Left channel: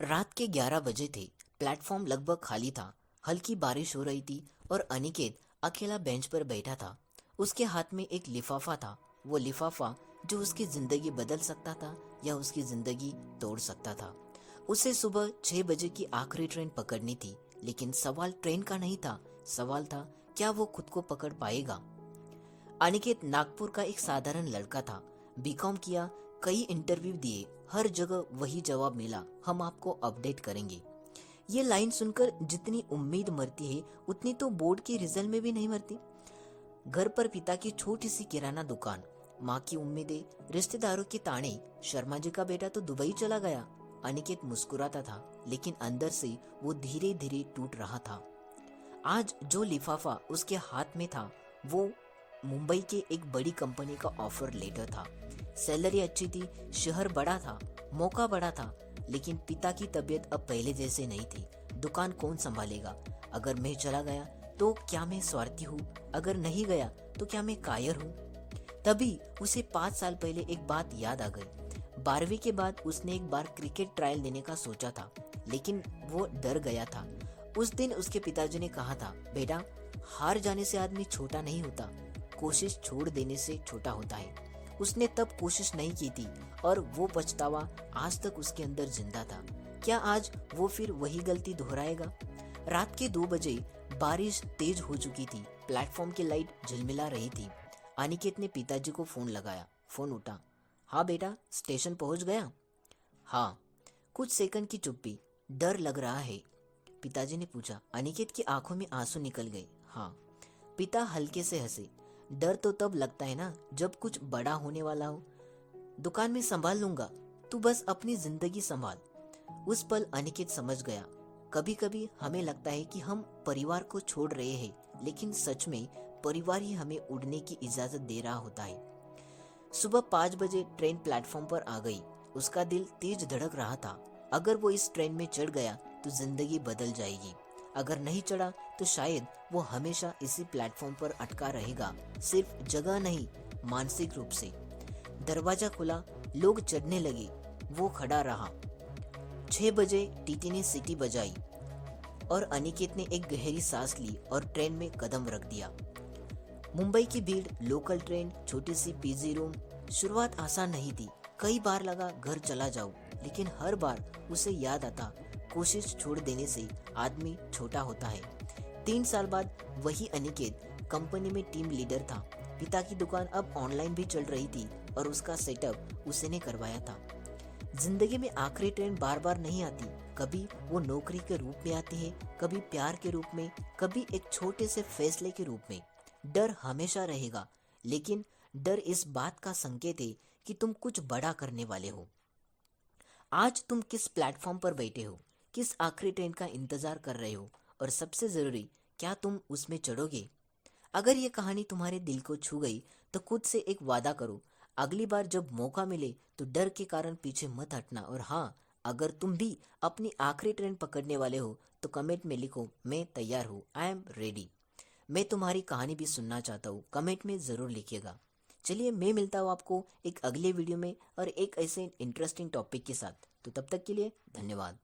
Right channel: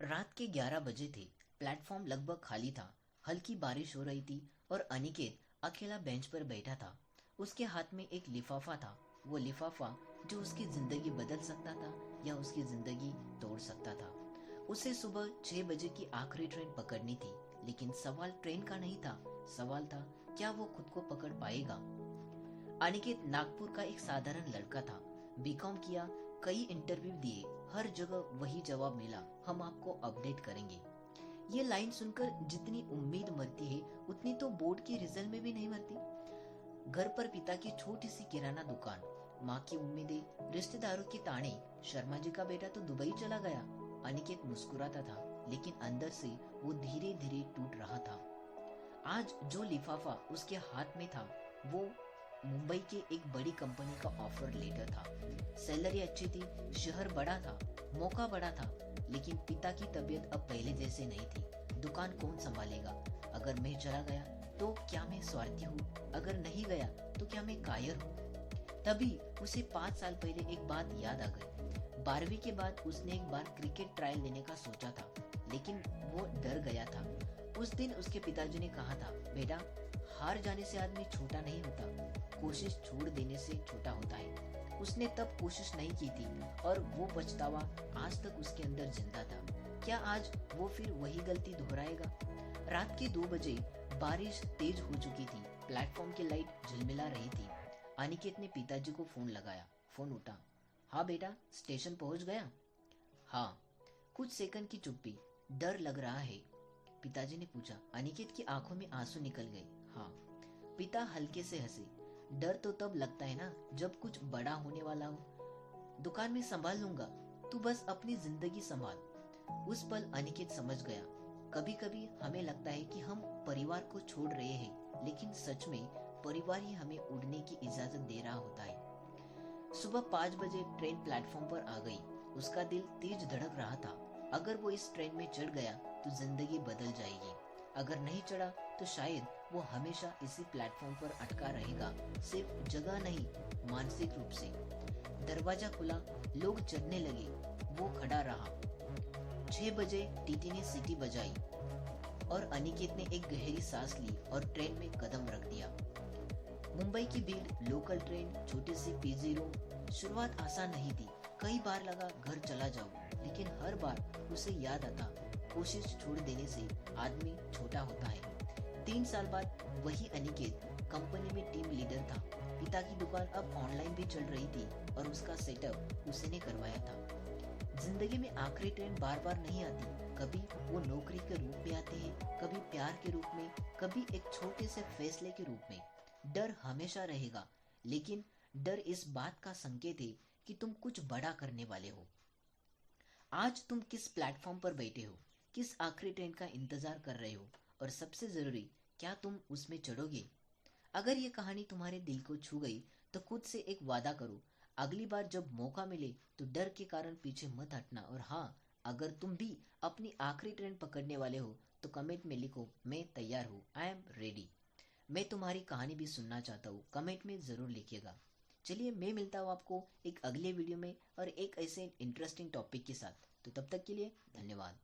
रात के 11 बजे थे। प्लेटफॉर्म लगभग खाली था। हल्की बारिश हो रही थी और अनिकेत अकेला बेंच पर बैठा था। उसके हाथ में एक लिफाफा था। वो लिफाफा जो उसकी जिंदगी बदल सकता था या उसकी जिंदगी तोड़ सकता था। उसे सुबह 6 बजे की आखिरी ट्रेन पकड़नी थी, लेकिन सवाल ट्रेन का नहीं था। सवाल था, क्या वो खुद को पकड़ पाएगा। अनिकेत नागपुर का एक साधारण लड़का था। बीकॉम किया, कई इंटरव्यू दिए, हर जगह वही जवाब मिला, हम आपको अपडेट करेंगे। ये लाइन सुनकर जितनी उम्मीद मरती है उतनी तो बोर्ड के रिजल्ट में भी नहीं मरती। घर पर पिता की छोटी सी किराना दुकान, माँ की उम्मीदें, रिश्तेदारों के ताने, शर्मा जी का बेटा तो दुबई चला गया। अनिकेत मुस्कुराता था, लेकिन अंदर से वो धीरे धीरे टूट रहा था। आज जो लिफाफा उसके हाथ में था वो मुंबई के एक बड़ी कंपनी का ऑफर लेटर था। सैलरी अच्छी थी, शहर बड़ा था, मौका बड़ा था, लेकिन पिता की तबीयत अब पहले जैसे नहीं थी। दुकान कौन संभालेगा? अगर मैं चला गया तो क्या मैं स्वार्थी हूँ? अगर नहीं गया तो क्या मैं कायर हूँ? तभी उसे 5 साल पहले एक बात याद आ गई। 12वीं के बाद उसने एक बार क्रिकेट ट्रायल देने का सोचा था, लेकिन वो डर गया था। उस दिन उसके पिताजी ने कहा था, बेटा, हार जाने से आदमी छोटा नहीं होता, कोशिश छोड़ देने से छोटा होता है। उसने तब कोशिश नहीं की थी और वो पछतावा आज तक उसके अंदर जिंदा था। क्या आज वो फिर वही गलती दोहराएगा? रात के 2 बजे बारिश तेज हो चुकी थी। प्लेटफॉर्म की लाइट झिलमिला रही थी। अनिकेत ने पिताजी को फोन लगाया। फोन उठा। हाँ बेटा, स्टेशन पहुंच गया? हाँ। कुछ सेकंड की चुप्पी। डर लग रहा है? पिताजी ने पूछा। अनिकेत की आंखों में आंसू निकल गए। हाँ। पिता हल्के से हंसे। डर तो तब लगता है ना जब कुछ बड़ा होने वाला हो। दुकान में संभाल लूंगा, तू बस अपनी जिंदगी संभाल। उस पल अनिकेत समझ गया। कभी कभी हमें लगता है कि हम परिवार को छोड़ रहे हैं, लेकिन सच में परिवार ही हमें उड़ने की इजाजत दे रहा होता है। सुबह 5 बजे ट्रेन प्लेटफॉर्म पर आ गई। उसका दिल तेज धड़क रहा था। अगर वो इस ट्रेन में चढ़ गया तो जिंदगी बदल जाएगी। अगर नहीं चढ़ा तो शायद वो हमेशा इसी प्लेटफॉर्म पर अटका रहेगा, सिर्फ जगह नहीं, मानसिक रूप से। दरवाजा खुला, लोग चढ़ने लगे, वो खड़ा रहा। 6 बजे टीटी ने सीटी बजाई और अनिकेत ने एक गहरी सांस ली और ट्रेन में कदम रख दिया। मुंबई की भीड़, लोकल ट्रेन, छोटी सी पीजी रूम। शुरुआत आसान नहीं थी। कई बार लगा घर चला जाऊं, लेकिन हर बार उसे याद आता, कोशिश छोड़ देने से आदमी छोटा होता है। 3 साल बाद वही अनिकेत कंपनी में टीम लीडर था। पिता की दुकान अब ऑनलाइन भी चल रही थी और उसका सेटअप उसी ने करवाया था। जिंदगी में आखिरी ट्रेन बार बार नहीं आती। कभी वो नौकरी के रूप में आती है, कभी प्यार के रूप में, कभी एक छोटे से फैसले के रूप में। डर हमेशा रहेगा, लेकिन डर इस बात का संकेत है कि तुम कुछ बड़ा करने वाले हो। आज तुम किस प्लेटफॉर्म पर बैठे हो, किस आखिरी ट्रेन का इंतजार कर रहे हो, और सबसे जरूरी, क्या तुम उसमें चढ़ोगे? अगर ये कहानी तुम्हारे दिल को छू गई तो खुद से एक वादा करो, अगली बार जब मौका मिले तो डर के कारण पीछे मत हटना। और हाँ, अगर तुम भी अपनी आखिरी ट्रेन पकड़ने वाले हो तो कमेंट में लिखो, मैं तैयार हूँ, आई एम रेडी। मैं तुम्हारी कहानी भी सुनना चाहता हूँ, कमेंट में ज़रूर लिखिएगा। चलिए, मैं मिलता हूँ आपको एक अगले वीडियो में और एक ऐसे इंटरेस्टिंग टॉपिक के साथ। तो तब तक के लिए धन्यवाद।